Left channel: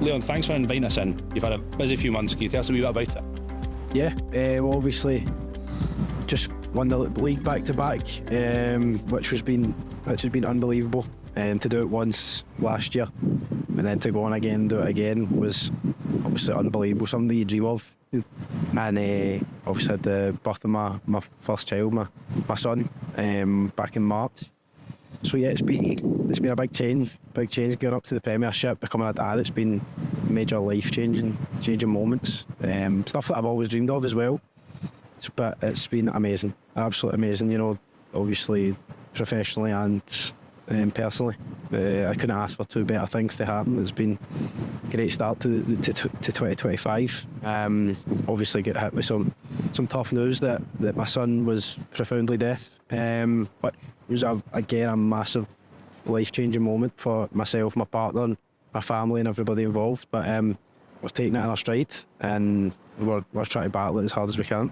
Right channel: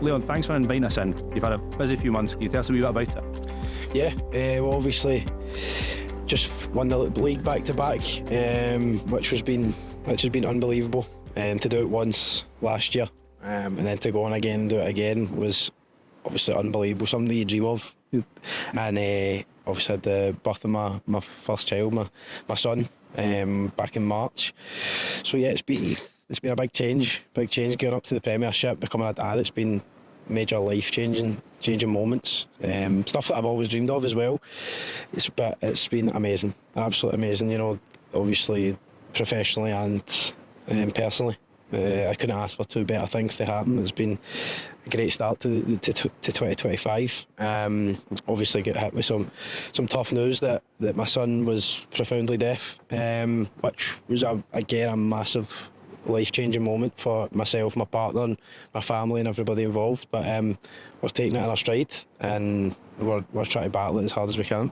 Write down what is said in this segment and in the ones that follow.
Leon, thanks for inviting us in. You've had a busy few months. Can you tell us a wee bit about it? Yeah, well, obviously, just won the league back to back, which has been unbelievable. To do it once last year, and then to go on again and do it again was obviously unbelievable. Something you dream of. And obviously had the birth of my first child, my son, back in March. So yeah, it's been a big change going up to the Premiership, becoming a dad. It's been major life changing moments, stuff that I've always dreamed of as well. But it's been amazing, absolutely amazing. You know, obviously professionally and personally. I couldn't ask for two better things to happen. It's been a great start to 2025. Obviously get hit with some tough news that my son was profoundly deaf, which was again a massive life-changing moment for myself, my partner and my family and everybody involved. But we're taking it in our stride, and we're trying to battle it as hard as we can.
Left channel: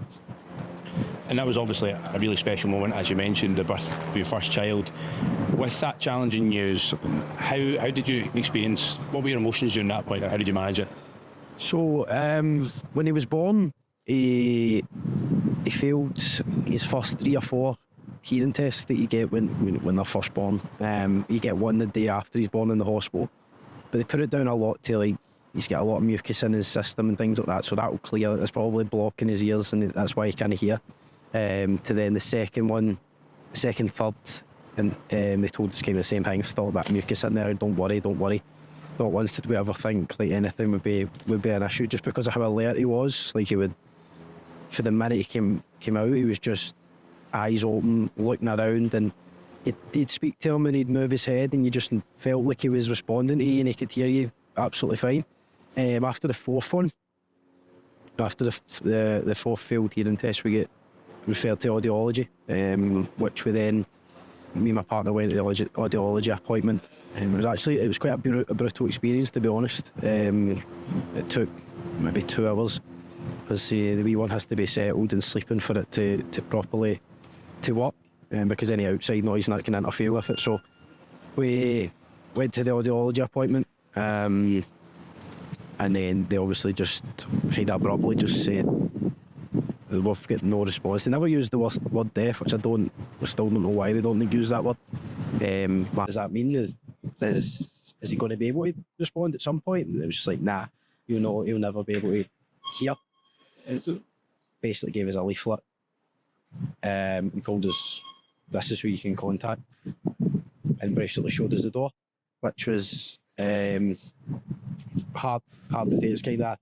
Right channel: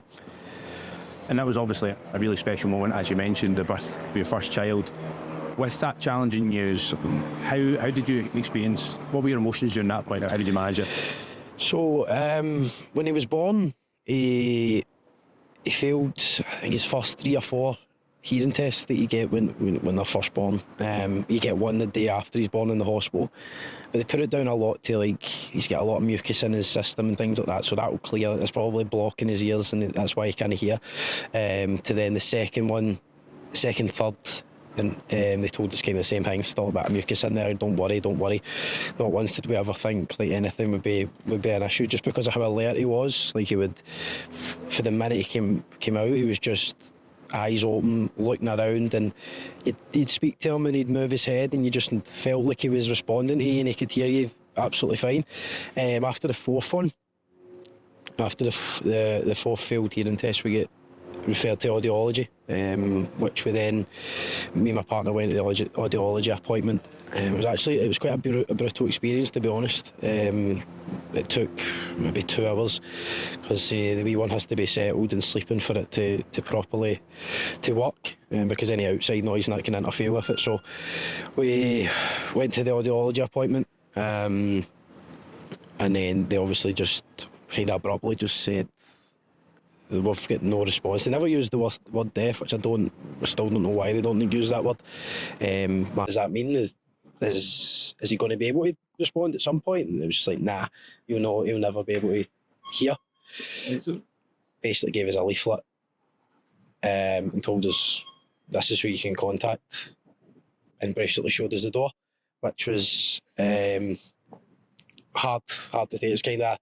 And that was obviously a really special moment, as you mentioned, the birth of your first child. With that challenging news, how did you experience, what were your emotions during that point? How did you manage it? So when he was born, he failed, I think, his first 3 or 4 hearing tests that you get when they're first born. You get one the day after he's born in the hospital, but they put it down a lot to, like, he's got a lot of mucus in his system and things like that, so that will clear. It's probably blocking his ears, and that's why he can't hear. To then the second, third, and they told us kind of the same thing, still a bit of mucus in there. Don't worry. Not once did we ever think like anything would be an issue, just because of how alert he was. Like, he would, for the minute he came out, he was just eyes open, looking around, and he'd speak to him and he'd move his head, and you just felt like he was responding to you and he could hear you absolutely fine. After the fourth one, after the fourth failed hearing test, we get referred to audiology, which me and my partner went to the audiology appointment. It was quite a brutal experience, to be honest. It took maybe 2 hours, because the wee one has to be settled and sleeping for it to properly to work, because any outside noise and that can interfere with it. So we went to the audiology appointment, and then they obviously just kind of abruptly just said, we've got no response. They never used the word deaf, which I still don't know why they don't use that word. What does that mean? Is he going to be able to respond at some point? And it was just like, nah, he'll never be able to hear. So basically gave us a leaflet, and told us this is who you can contact, and basically showed us the door, which was hard to say. It's kind of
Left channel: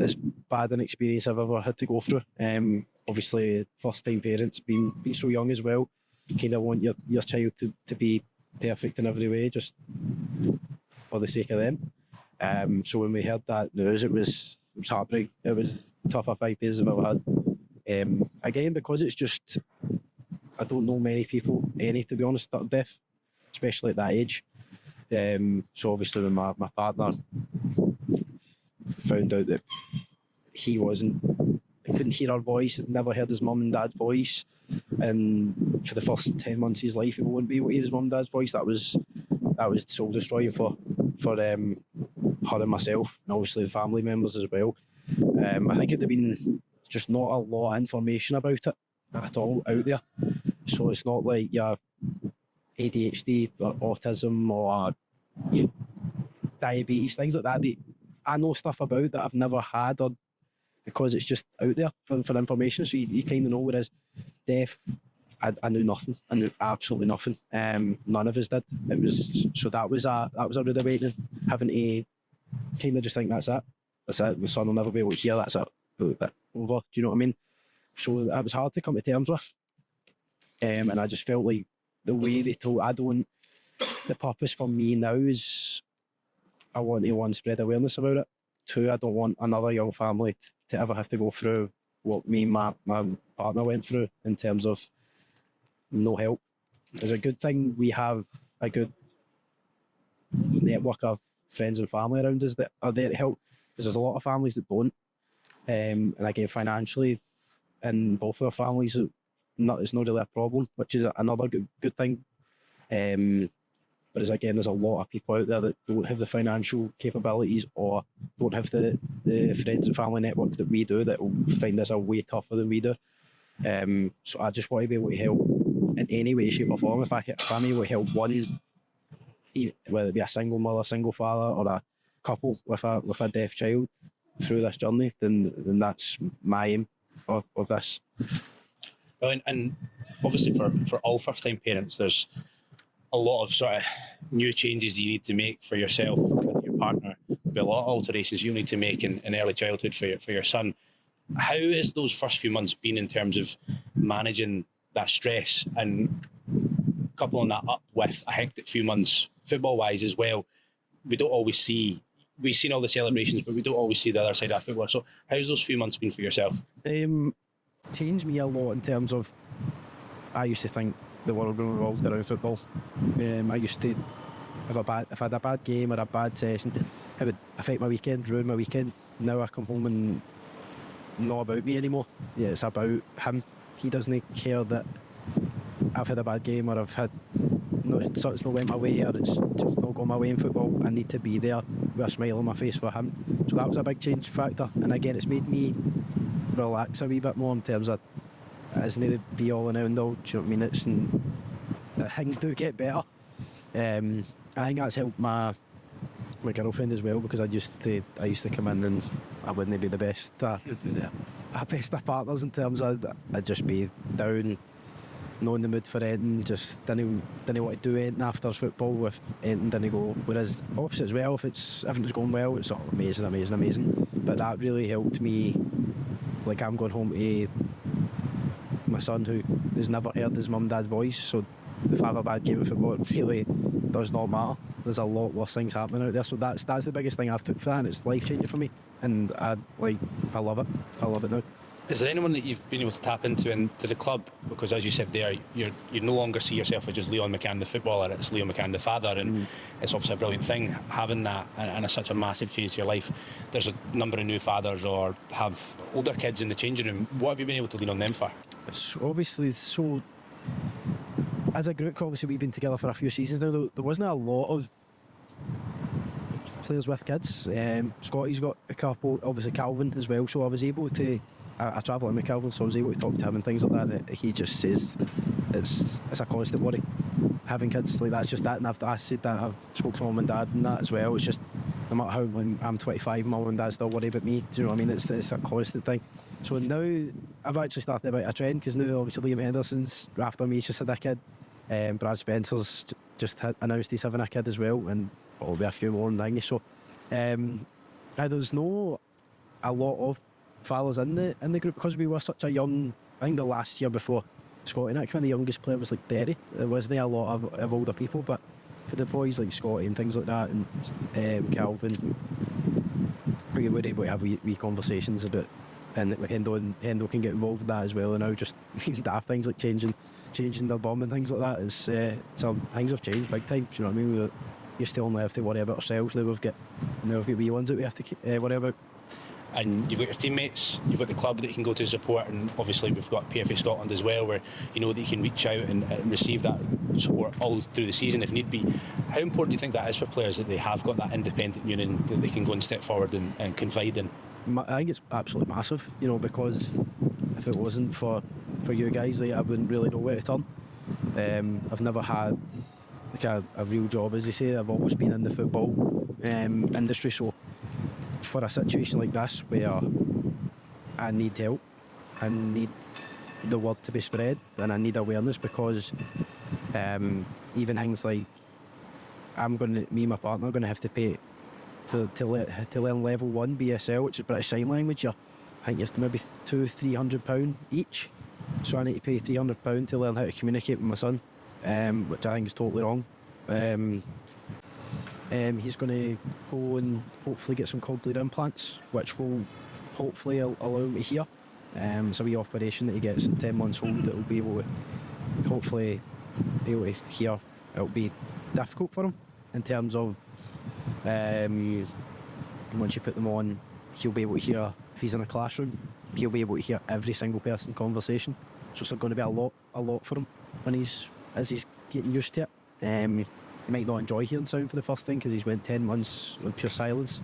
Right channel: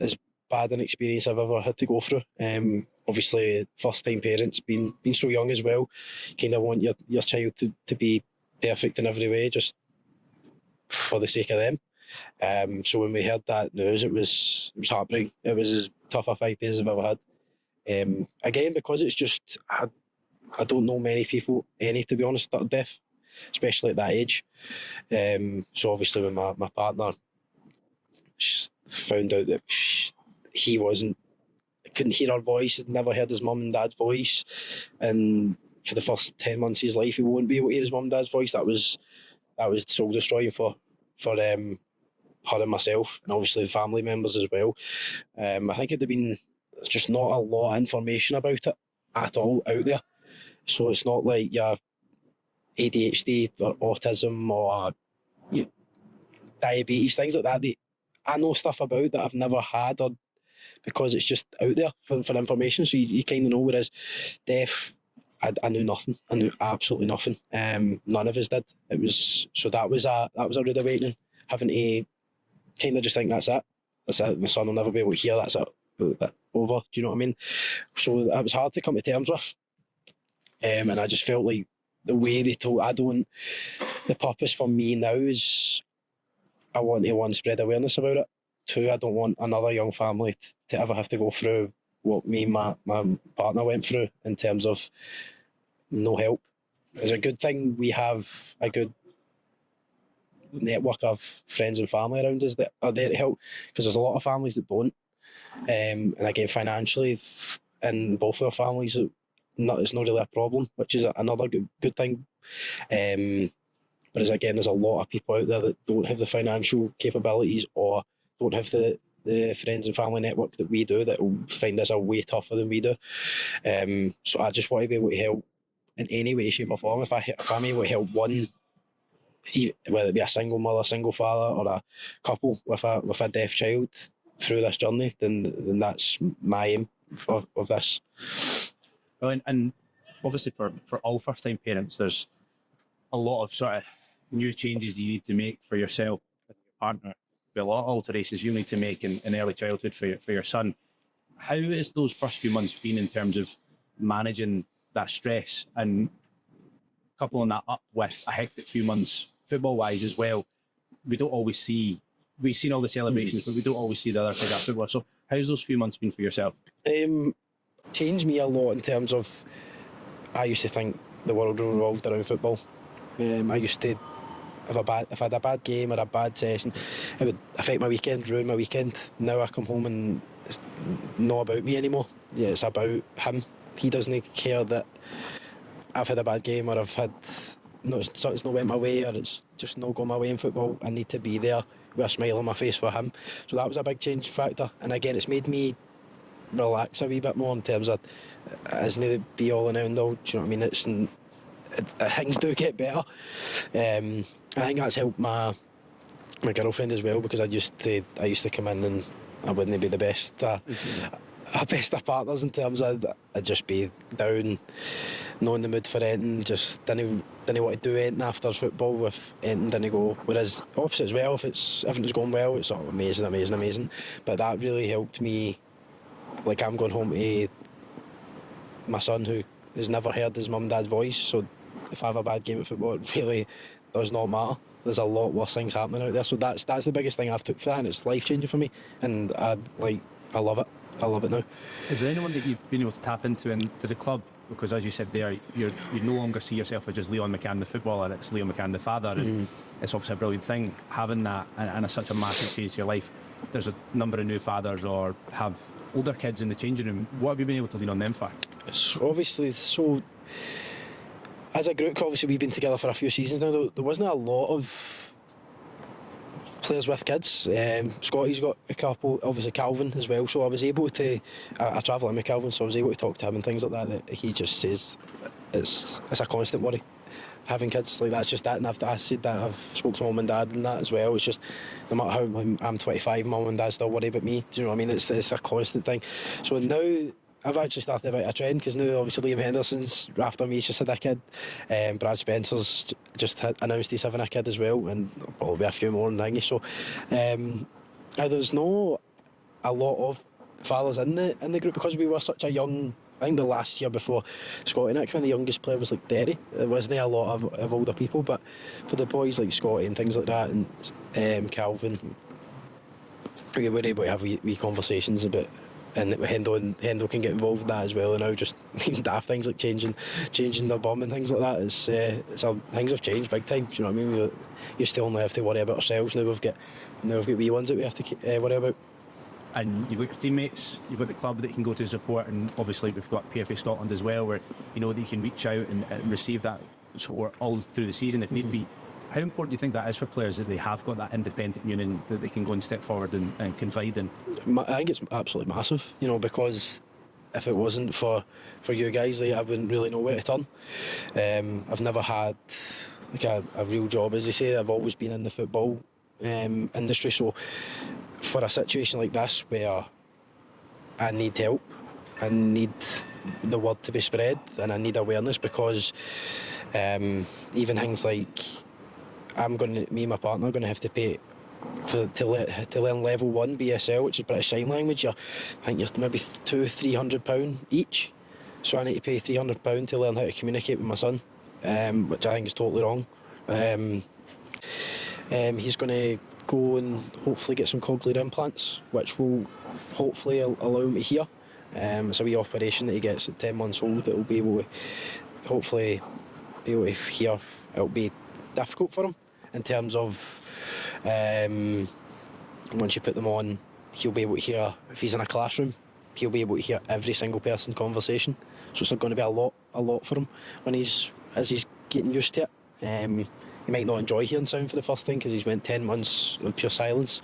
as bad an experience I've ever had to go through. Obviously, first time parents, being so young as well, you kind of want your child to be perfect in every way, just for the sake of them. So when we heard that news, it was heartbreaking. It was as tough a 5 days I've ever had. Again, because it's just, I don't know many people, to be honest, that are deaf, especially at that age. So obviously when my partner found out that he couldn't hear her voice, had never heard his mum and dad's voice, and for the first 10 months of his life he won't be able to hear his mum and dad's voice, that was soul destroying for her and myself, and obviously the family members as well. I think it'd have been just not a lot of information about it at all out there. So it's not like your ADHD or autism or diabetes, things like that I know stuff about that I've never had, or because it's just out there for information. So you kind of know. Whereas deaf, I knew nothing. I knew absolutely nothing. None of us did. That was a rude awakening, having to kind of just think that's it. My son will never be able to hear. That's it. Over. Do you know what I mean? So that was hard to come to terms with. And I just felt like the way they told, the purpose for me now is I want to, one, spread awareness about it. 2, I don't want another young family to ever have to go through what me and my partner went through in terms of no help. It's a good thing we have a good network of friends and family around us that are there to help, because there's a lot of families that don't. And again, financially, in both of our families, it's not really a problem, which is another good thing. Whereas again, there's a lot of people out there that don't have the financial capabilities or don't have the friends and family network that we do, that will find this a way tougher than we do. So I just want to be able to help in any way, shape or form. If I'm able to help one, whether it be a single mother, single father, or a couple with a deaf child through this journey, then that's my aim of this. Well, and obviously for all first-time parents, there's a lot of sort of new changes you need to make for yourself and your partner. There'll be a lot of alterations you need to make in early childhood for your son. How has those first few months been in terms of managing that stress and coupling that up with a hectic few months football-wise as well? We don't always see, we've seen all the celebrations, but we don't always see the other side of football. So how's those few months been for yourself? Changed me a lot in terms of, I used to think the world revolved around football. I used to, if I had a bad game or a bad session, it would affect my weekend, ruin my weekend. Now I come home and it's not about me anymore. Yeah, it's about him. He doesn't care that I've had a bad game or something's not went my way or it's just not gone my way in football. I need to be there with a smile on my face for him. So that was a big change factor. And again, it's made me relax a wee bit more in terms of it isn't the be all and end all. Do you know what I mean? Things do get better. I think that's helped my girlfriend as well, because I used to come in and I wouldn't be the best of partners in terms of I'd just be down, not in the mood for anything, just didn't want to do anything after football with anything didn't go. Whereas opposite as well, if everything's going well, it's all amazing. But that really helped me. Like, I'm going home to my son who has never heard his mum and dad's voice, so if I have a bad game of football, it really does not matter. There's a lot worse things happening out there, so that's the biggest thing I've took for that, and it's life changing for me, and I love it now. Is there anyone that you've been able to tap into the club? Because as you said there, you no longer see yourself as just Leon McCann the footballer, it's Leon McCann the father, and it's obviously a brilliant thing having that, and it's such a massive change to your life. There's a number of new fathers or have older kids in the changing room. What have you been able to lean on them for? It's obviously so. As a group, obviously we've been together for a few seasons now. There wasn't a lot of players with kids. Scotty's got a couple, obviously Calvin as well, so I was able to, I travel in with Calvin, so I was able to talk to him and things like that he just says it's a constant worry having kids. Like, that's just that, and I said that, I've spoke to mum and dad and that as well. It's just, no matter how I'm 25, mum and dad still worry about me. Do you know what I mean? It's a constant thing. So now I've actually started about a trend, because now obviously Liam Henderson's after me, he's just had a kid. Brad Spencer's just announced he's having a kid as well, and there'll be a few more and thingy. So there's no a lot of fathers in the group, because we were such a young. I think the last year before Scotty and Nick, when the youngest player was like Derry, there wasn't a lot of older people, but for the boys like Scotty and things like that, and Calvin, we were able to have wee conversations about. And Hendo can get involved in that as well, and now just even daft things like changing their bum and things like that. Things have changed big time. Do you know what I mean? You still only have to worry about ourselves. Now we've got wee ones that we have to worry about. And you've got your teammates, you've got the club that you can go to support, and obviously we've got PFA Scotland as well, where you know that you can reach out and receive that support all through the season if need be. How important do you think that is for players, that they have got that independent union that they can go and step forward and confide in? I think it's absolutely massive, because if it wasn't for you guys, I wouldn't really know where to turn. I've never had like a real job, as they say. I've always been in the football industry, so for a situation like this where I need help, I need the word to be spread, and I need awareness, because even things like me and my partner are going to have to pay to learn level 1 BSL, which is British Sign Language. I think you're maybe £200-300 each, so I need to pay £300 to learn how to communicate with my son, which I think is totally wrong. He's going to go and hopefully get some cochlear implants, which will hopefully allow him to hear. It's a wee operation that he gets at 10 months old that will be able to hopefully be able to hear. It'll be difficult for him in terms of once you put them on, he'll be able to hear. If he's in a classroom, he'll be able to hear every single person's conversation. So it's going to be a lot for him as he's getting used to it. he might not enjoy hearing sound for the first time because he's went 10 months of pure silence.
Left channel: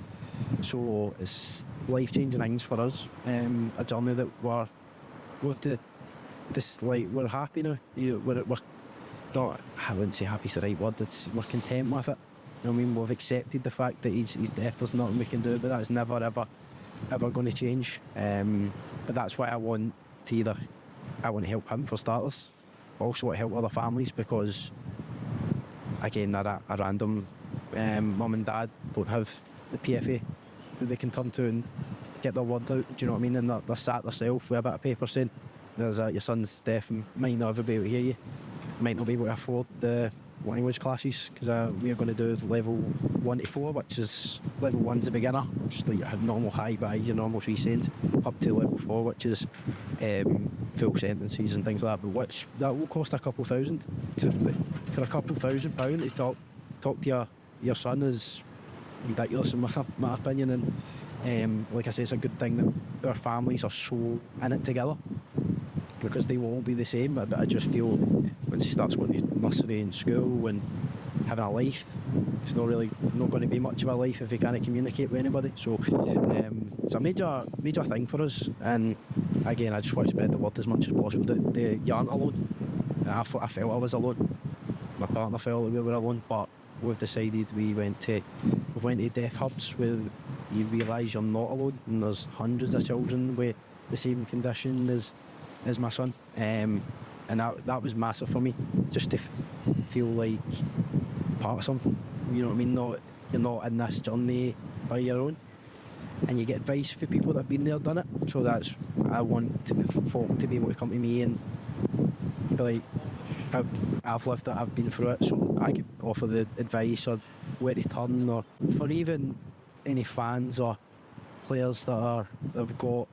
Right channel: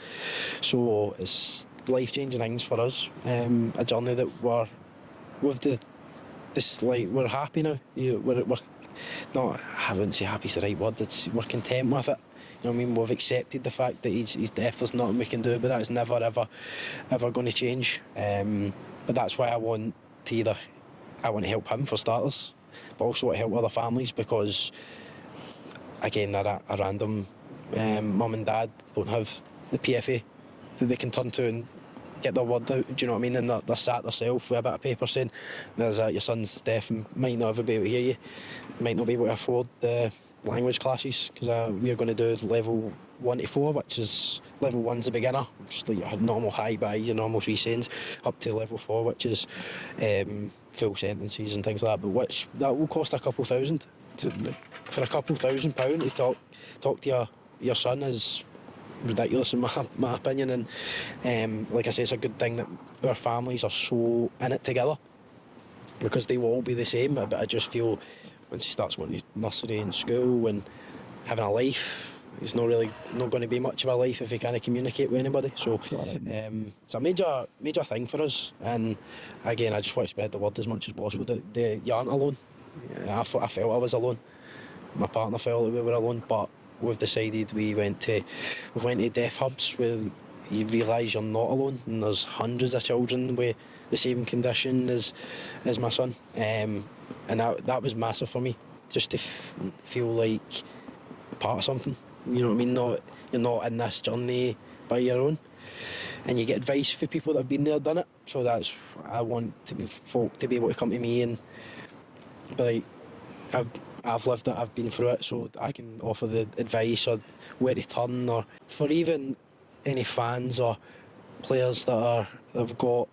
So it's life-changing things for us. A journey that we're with we're happy now. We're not, I wouldn't say happy's the right word. We're content with it. You know what I mean? We've accepted the fact that he's deaf. There's nothing we can do, but that is never ever going to change. But that's why I want to help him for starters, but also want to help other families, because again, they're a random mum and dad don't have the PFA that they can turn to and get their word out. Do you know what I mean? And they're sat themselves with a bit of paper saying, "There's your son's deaf and might not ever be able to hear you, might not be able to afford the language classes, because we're going to do level 1 to 4, which is level 1's the beginner, just like your normal high by your normal 3 cents, up to level 4, which is full sentences and things like that. But that will cost a couple thousand. For a couple £1,000 to talk to your son is ridiculous in my opinion. And like I say, it's a good thing that our families are so in it together, because they will all be the same. But I just feel once he starts going to nursery and school and having a life, it's not going to be much of a life if he can't communicate with anybody. So it's a major thing for us. And again, I just want to spread the word as much as possible that you aren't alone. I felt I was alone. My partner felt that we were alone, but we've decided we went to deaf hubs where you realise you're not alone, and there's hundreds of children with the same condition as my son, and that was massive for me, just to feel like part of something. You know what I mean? You're not in this journey by your own, and you get advice from people that have been there, done it. So I want folk to be able to come to me and be like, I've lived it, I've been through it, so I can offer the advice or where to turn, or for even any fans or players that have got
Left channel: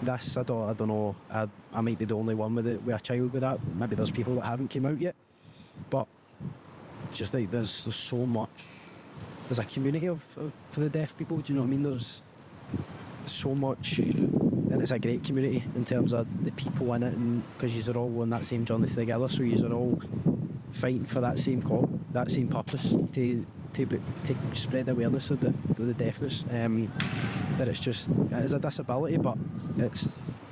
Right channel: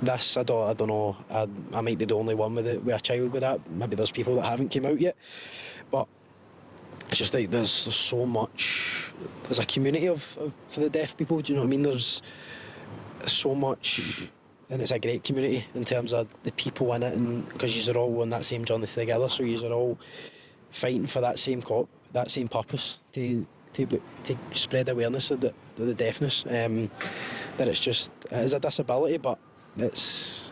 this. I don't know. I might be the only one with a child with that. Maybe there's people that haven't came out yet, but it's just like there's so much. There's a community for the deaf people. Do you know what I mean? There's so much. And it's a great community in terms of the people in it, and because you're all on that same journey together, so you're all fighting for that same purpose to spread awareness of the deafness. That it is a disability, but it's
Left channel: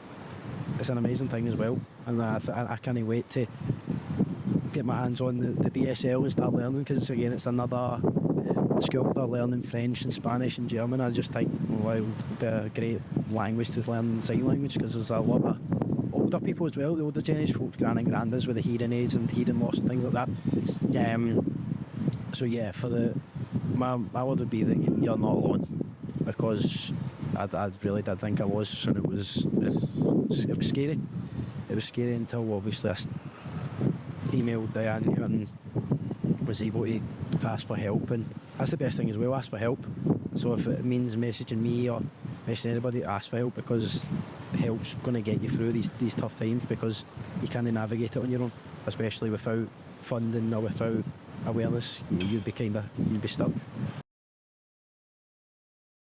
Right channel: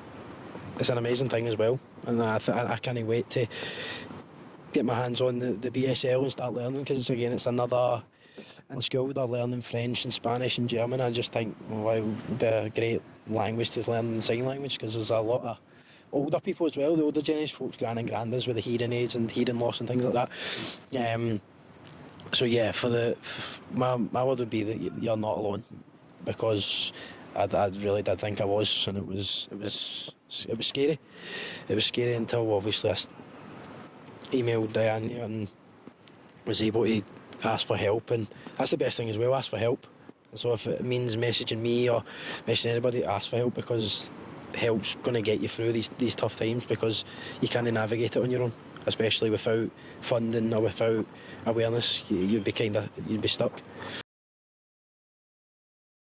an amazing thing as well, and I can't wait to get my hands on the BSL and start learning, because it's another. In school they're learning French and Spanish and German. I just think, well, it would be a great language to learn in sign language, because there's a lot of older people as well, the older generation, folks, gran and grandas with the hearing aids and hearing loss and things like that. So yeah, my word would be that you're not alone, because I really did think I was, and it was scary. It was scary until obviously I emailed Diane and was able to ask for help, and that's the best thing as well, ask for help. So if it means messaging me or messaging anybody, ask for help, because help's going to get you through these tough times, because you can't navigate it on your own, especially without funding or without awareness. You'd be stuck.